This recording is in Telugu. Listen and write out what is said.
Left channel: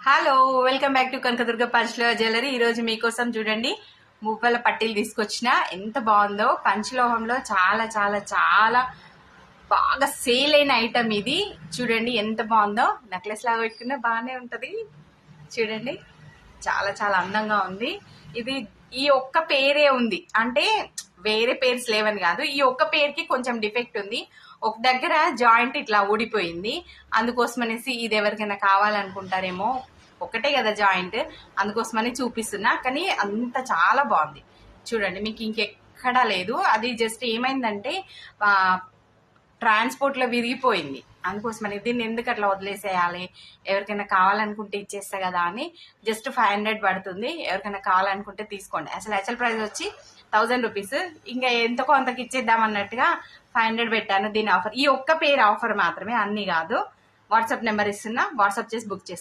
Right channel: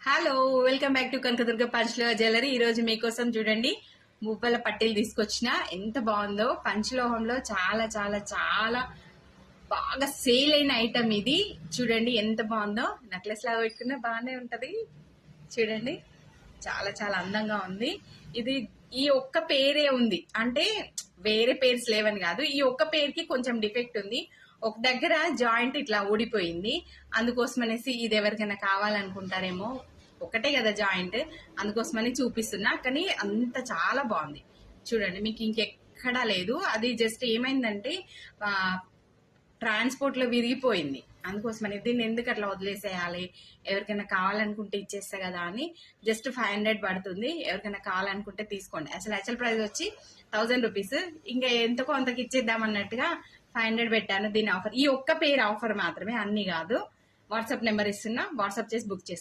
Hello, welcome back to Kanakadurga Panchaloha jewellery. ఈ రోజు మీకోసం చూడండి మూపల పట్టీలు తీసుకొచ్చిన. ఎంత బాగుందో! పంచలోహంలో చాలా చాలా చాలా బాగా సేల్ అయిన ఐటమ్ ఇది. చూడండి ఎంత బాగుందో. నెక్లెస్ లాగా పెట్టుకున్నా బాగానే ఉంటది. చూడండి చాలా చాలా అందంగా ఉంది. ఇది ఈ ఒక్క పేరే ఉంది అంటే వేరే పేర్స్ లేవని కాదు, ఈ ఒక్క పేరుకి కొంచెం డిఫెక్ట్ ఉంది. ఒక దగ్గర జాయింట్ ఇట్లా ఊడిపోయింది. అందుకోసమనేసి ఇది ఎవరికైనా కావాలనుకుంటారేమో, ఒకటే కదా జాయింట్, అందుకోసమని చూపిస్తున్నా. కానీ అంత చాలా బాగుంది. చూడండి మీకు ఇంకెక్కడా లేదు. అది జస్ట్ ఏమైందంటే ట్రాన్స్పోర్ట్ లో విరిగిపోయింది. అందుకోసమని దీన్ని ఎందుకు అట్లా వదిలేసేయాలి, ఎవరికైనా కావాలనుకుంటే ఇచ్చేస్తా కదా అని జస్ట్ 500 పడుతుంది. ఎవరికైనా కావాలనుకుంటే తీసుకోండి. అసలు ప్రైస్ వచ్చి 1000 రూపీస్. ఇంకా ఎంతో కొంతకి ఇచ్చేద్దాం అన్నట్టుగా 500 పెట్టాను. దీని ఆఫర్, ఈ ఒక్క పేరు ఆఫర్ మాత్రమే, అన్ని కాదు. వాట్సాప్ నెంబర్ ఇస్తున్నా, వాట్సాప్ చేసి బుక్ చేస్తాను.